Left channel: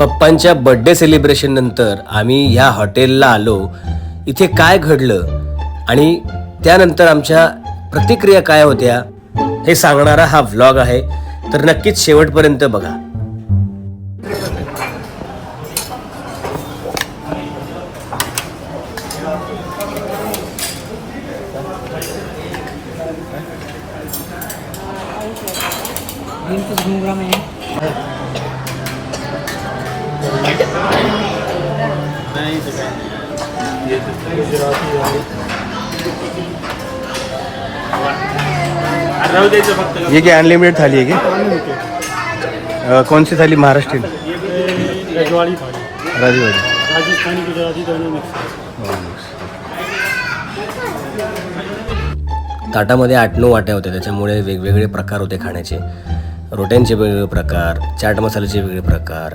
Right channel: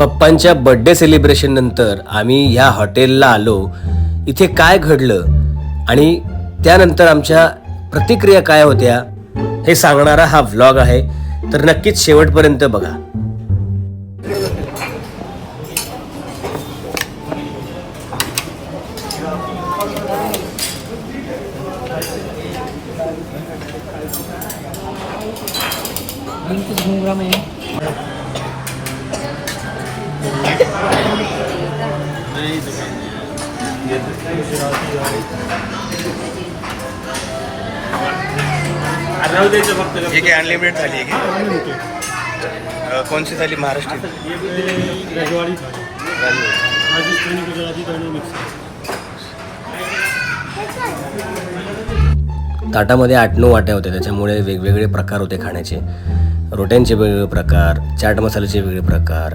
पप्पांच्या birthday celebration नंतर आम्ही ह्या हॉटेलला आलो. इथे काय घडलं आणि त्यानंतर आमच्या प्रतिक्रिया काय होत्या हे सांगणारा हा व्लॉग आहे. तर नक्कीच शेवटपर्यंत बघा. ये क्या अनलिमिटेड थाली है क्या अ, कौन सी थाली? महाराष्ट्रीयन. रजवाड़ी राजस्थानी गुजराती ताटामध्ये आठ नऊ वाट्या होत्या त्याच्यामुळे वेगवेगळे प्रकार होते खाण्याचे. रोट्यांचे वेगवेगळे प्रकार चाट मसाल्याचे वेगळे प्रकार.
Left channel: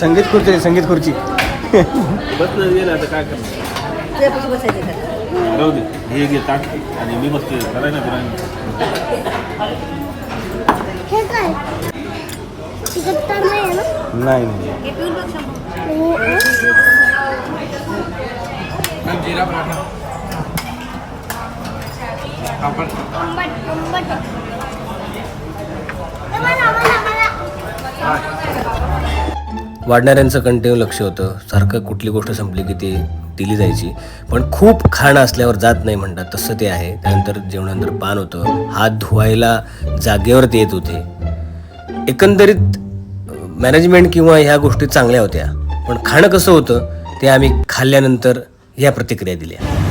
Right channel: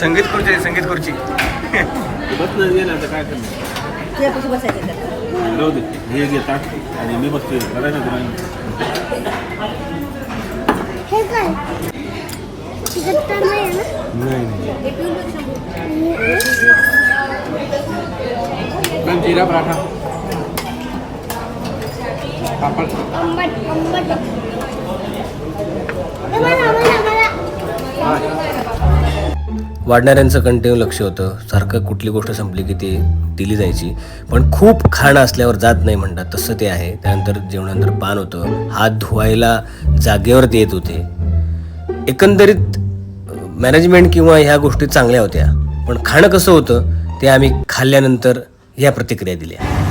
संगीत खुर्ची आहे, संगीत खुर्ची. बस नाही गेलं आता काय करणार? बसायचं दे हे घे ताट आणि मी बसते करायला तुला हे काय? तिखट तर नाही नाही जिरा पराठा. पापड आंबट आंबट ए, मला मला मला. वाढणाऱ्यांचं कंटिन्यू लक्ष होतं. सारखं कुठली गोष्ट संपली की ती दिली जायची. पण खूप खाणं असल्यावर जात नाही म्हणतात. तसं ते आहे. त्यानंतर जेवणानंतर पान होतं. हात धुवायला जागेवरती येत होते. एकंदरीत मॅनेजमेंट किंवा ह्या गोष्टी चांगल्या होत्या. पण खाणं कसं होतं ते आम्ही खाल्ल्यानंतर ह्या प्रतिक्रिया दिल्या.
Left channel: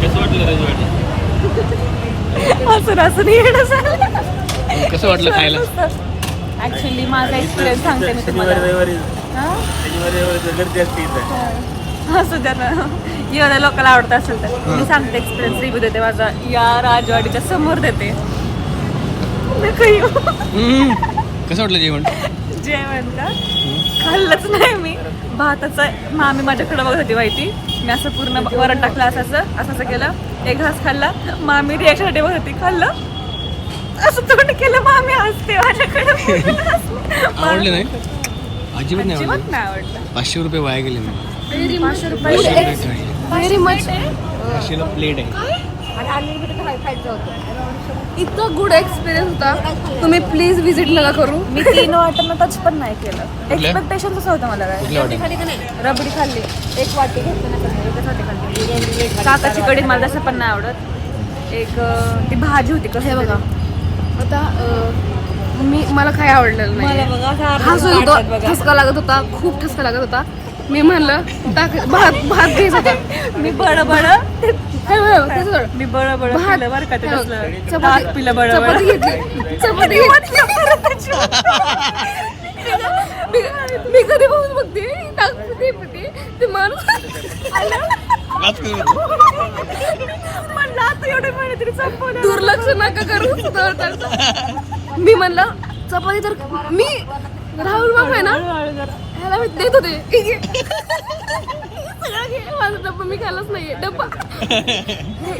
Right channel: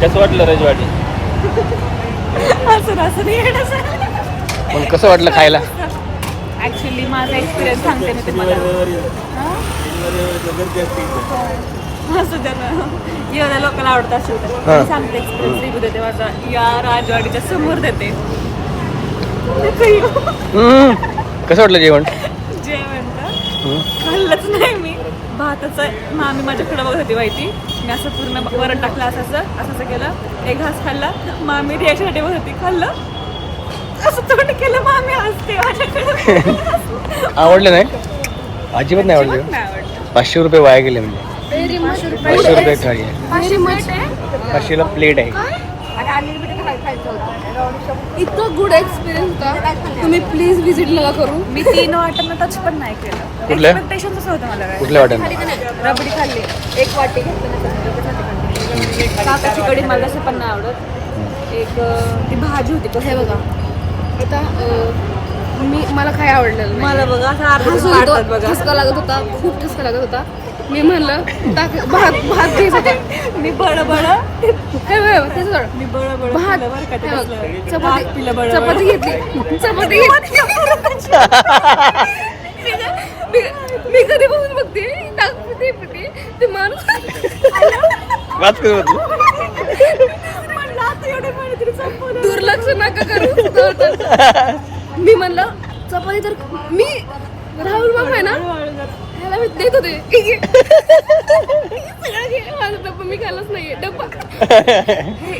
कसं वाटलं रजवाडी? असं असं नाही. पण कसं वाटलं खायला? ऍक्च्युली माझा एक्सपिरियन्स सांगते मी तुम्हाला. हा? एवढ्या लोकांना आवडत असेल तर. मी सांगते एक्सपिरियन्स रिव्ह्यू देते माझा. या राजवाडीच्या समोर देते. कसं वाटलं जेवण? जेवण ना? खाल्लंच नाही मी. भाताचा मामी माझ्याकडे बघत होती माहिती. मी असं पूर्ण वरण टाकलं असं असं असं असं केलं. एक घास खाल्ला मामी रिॲक्शन ठेवत होती खाल्लं. असं तोंड केलं मामी हसते माझ्याकडे. आवडलं नाही? अजिबात नाही आवडलं. पाचशे रुपये वाया गेले म्हणजे पाचशे रुपये थाळी आहे पाचशे प्लेट आहे. पाचशेला प्लेट आहे. इतकं गुड एक्सपिरियन्स होता. तुम्ही प्लीज विजिट मला करू. मी तीन वाटांना टच पण नाही केलं. कुठल्या? एक्सपेक्टेशन तसं होतं मला काय. कुठल्या वाट्यानं रबडी खाल्ली. एक वाटी. काकाची कढी मला तसं पण नाही आवडत. एक ती भाजी होती कसं बघा. आता मी मला काय आवडलं मला बघा. ठसका लागत होता खूप ठसका लागत होता. मी म्हणलं भात भात घ्यायचा मी बड बड मी बड बड खाल्लं बरं का त्याच्यातलं. ताक पिलं बड चपाती मी- कधी बघून बघते. ते माणूस करू. दुर्लक्ष नका करू. मी म्हणलं चपाती तर मी राहुल बाबा आहे ना? देत होते. माझा डब्बा मी खाल्लाच नाहीये. डब्बा.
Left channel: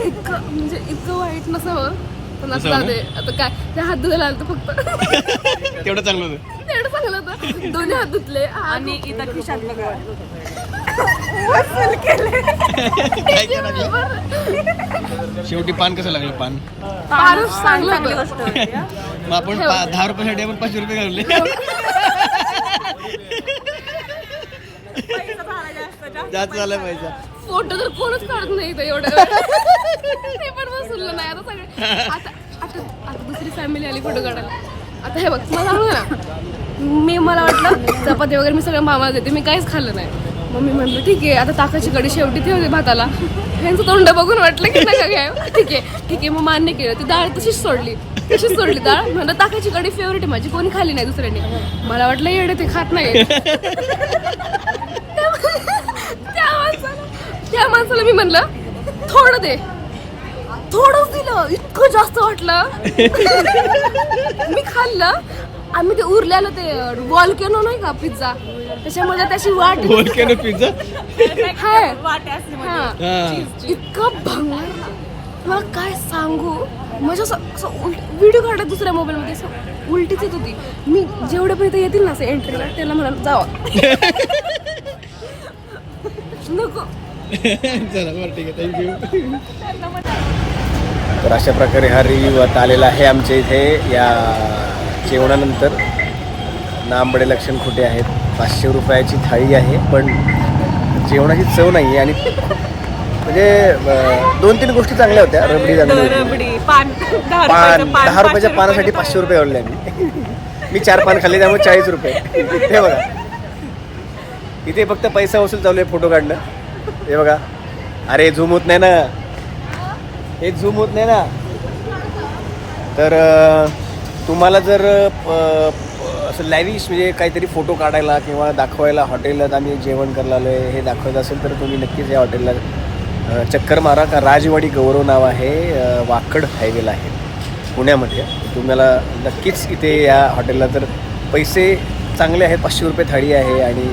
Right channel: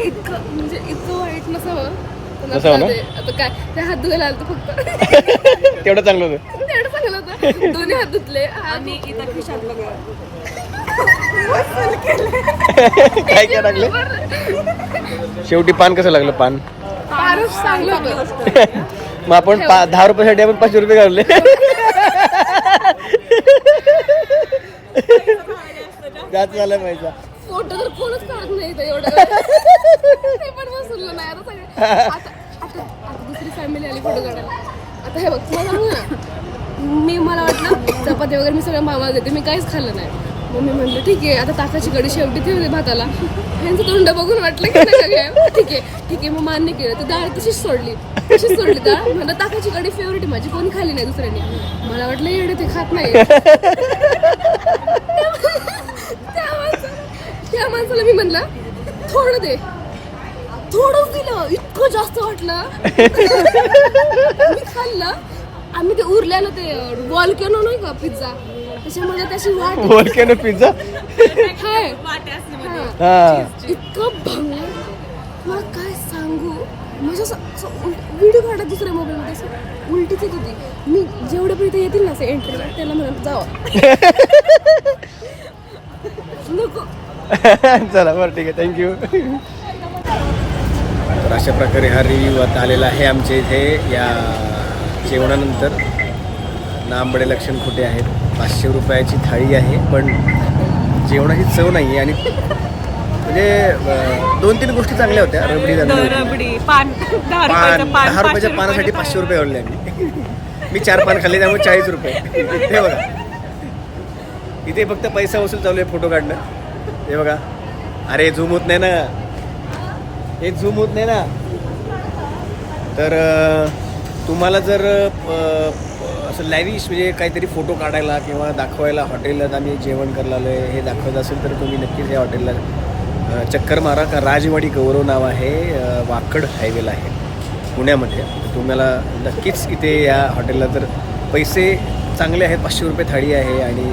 इतकं म्हणजे इतकं वाईट नसावं. पण आता नसावं ना? ते- आता काय ते हात धुवायला आलं तर फक्त. तेवढं चांगलं होतं. तेवढं चांगलं होतं. दोन्ही हात धुतले. आणि इथं खिशात बघा. काय काय टाकलं शेवटी पान कसं लागलं पान? फारच चांगली मग आपण पा- दहा रुपयासाठी आपण पाचशे रुपये काढले जास्त झाला पैसा. फोटो तर कोणच काढत नाही इथं एवढं. ते पण बसवलं नाही आता सगळे. आता आता आता दुसरी फॅमिली आली फोटो काढायला. आता हे बघ मला ना मी मला वाटलं चपाती वगैरे मी सगळं मामा घेते मी काहीच खाल्लं नाही. मम्मी मी म्हणलं ठीक आहे आता ताकाची कडी शेवटी ठेवली भाताला. यांचं तोंड बघून वाटलं की नका ठीक आहे ठीक आहे मग मान्य केलं. ती डाळ तशीच सोडली तशीच सोडली डाळ. म्हणलं ताकाची कडी फेवरेट आहे माझी कोणी खाली नाही दुसऱ्याने. मला वाटलं येडे ते खात नाही त्या माणसाला त्या माणसाला मी म्हणलं थोडं दे. थोडंच दिलं इतकं जास्त वाटलं. मी खाल्लं. आम्ही ते उरलेलं ते वॉल्केनो नाही का पिझ्झा. त्याच्यामध्ये त्याची वाट बोल पिझ्झा? हाय. हा. इतकं भंगार मला काय सांगू? म्हणजे असं व्हिडिओ काढत दुसऱ्या मोबाईल मध्ये. असं उलटीच येत होती. मी जेवढे पण इथे येतील ना असं एंट्रीला त्याला म्हणाल जावा. नको. चला बरं ठीक आहे. थँक्यू तर अशा प्रकारे हा रिव्ह्यू आता आलेला आहे आमच्या इथे या जेवणानंतर. नांबडे लक्षण खोटे आहेत. पाचशे रुपयाची थाळी आहे पण जेवणाची चव नाही आहे आणि म्हणजे दोन तीन गोष्टी चांगल्या होत्या. रबडी. रबडी. पान दहा रुपयाच्या पानासाठी पाचशे रुपये आवडले मी मी चार पान खाल्ले त्यामुळे चाळीस रुपये. हे बघा. इथे फक्त पैसा वसूल चालू आहे फोटो काढणं. हे बघा. अरे झूम होत नाही ना. हे झूम होत नाही ना. तर तुम्हाला जर असं लॅविश म्हणजे काहीतरी फोटो काढायला किंवा दाखवायला हॉटेलला आम्ही जेवण करायला आलो आहे हे दाखवायचं असेल तर तुम्ही नक्कीच या हॉटेलला चक्कर मारा. का राजवाडी गौरव नाव आहे वाकड हायवेला आहे पुण्यामध्ये. तुम्हाला नक्कीच इथे या हॉटेलला तर पैसे चांगले आहेत पाचशे रुपये थाळी आहे आणि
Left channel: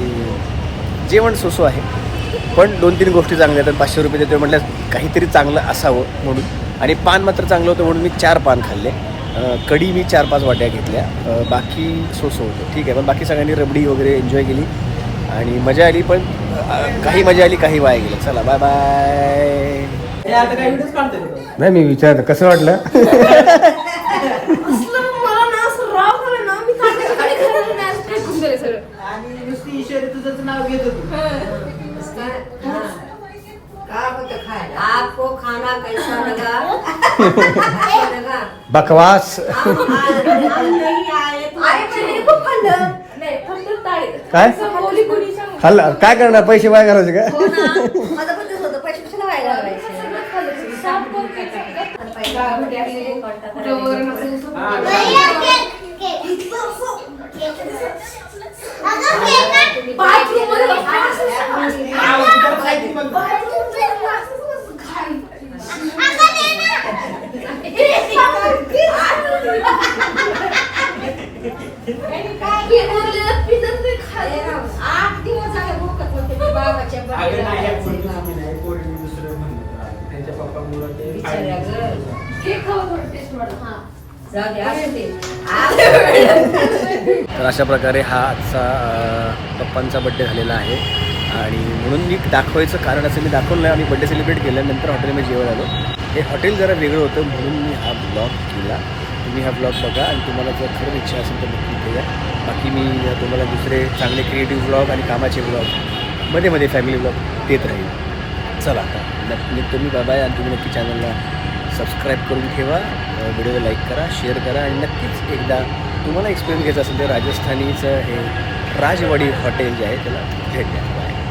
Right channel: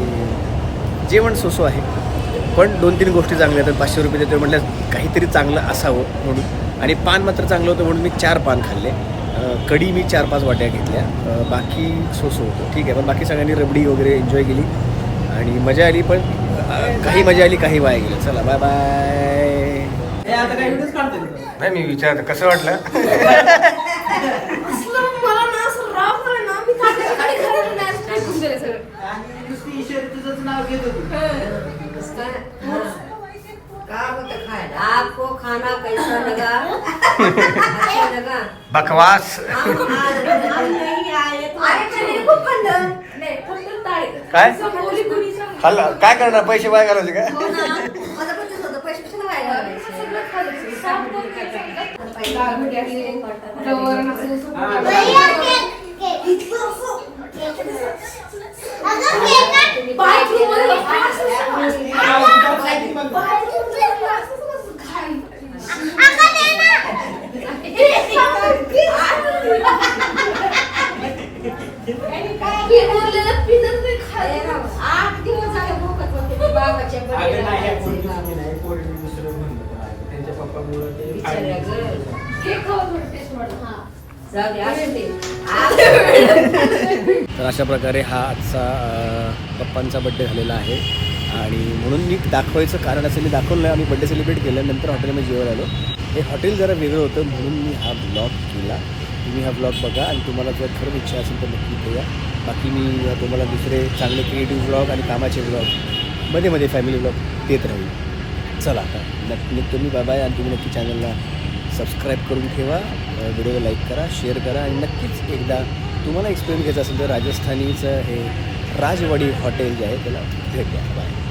जेवण सोसो आहे. पण दोन तीन गोष्टी चांगल्या आहेत पाचशे रुपये देतो म्हटल्यास काहीतरी चांगलं असावं म्हणून. आणि पान मात्र चांगलं होतं म्हणून मी चार पान खाल्ले. कढी मी चार पाच वाट्या घेतल्या. बाकी सोसो होतं. ठीक आहे पण बाकी सगळ्यांनी रबडी वगैरे एन्जॉय केली. आणि मजा आली पण काही मजा आली काही वाया गेलं. चला बाय बाय नाही मी विचारतो कसं वाटलं? मला ना असं राग आपको खाना कैसा लगा? अच्छा लगा? बकवास। नहीं आए तो नाही फक्त टाळी काय? खाल्लं करणार? पैसे वाया घालायचे का? हो ना. माझं पण तेच होतं. पैसे कशाला भैया केक केक अगं केक अगं दे ना आठ दिवस झाले भूकत होते ते बाबाच्या बिचाऱ्या गं. जाऊ दे असू दे तर अशा प्रकारे हा आजचा पप्पांचा बड्डे झालेला आहे. आणि म्हणून मी दाखवायचं कारण असं मी दाखवलं आम्ही बड्डे सेलिब्रेट केल्यानंतर हॉटेलमध्ये जेवण आलो. हे हॉटेल जरा वेगळं होतं म्हणून मी हा ब्लॉग केला. तुम्ही हा ब्लॉग बघा आणि तुम्हाला जर खरंच इच्छा असेल तर नक्की इथे या. बाकी मी तुम्हाला दुसरे चांगले क्रिएटिव्ह ब्लॉग आणि कामाचे ब्लॉगमध्ये मध्ये फॅमिली ब्लॉग देत राहील. चला आता नक्की तुम्ही बाबा आणि तुम्ही नक्की चॅनलला सबस्क्राईब करून ठेवा व्हिडिओ लाईक करा शेअर करा आणि नक्कीच एकदा तुम्हाला एक्सपिरियन्स घ्यायचा असेल तर राजस्थानीचं हे राजवाडी हॉटेल जे आहे त्याला भेट द्या. बाय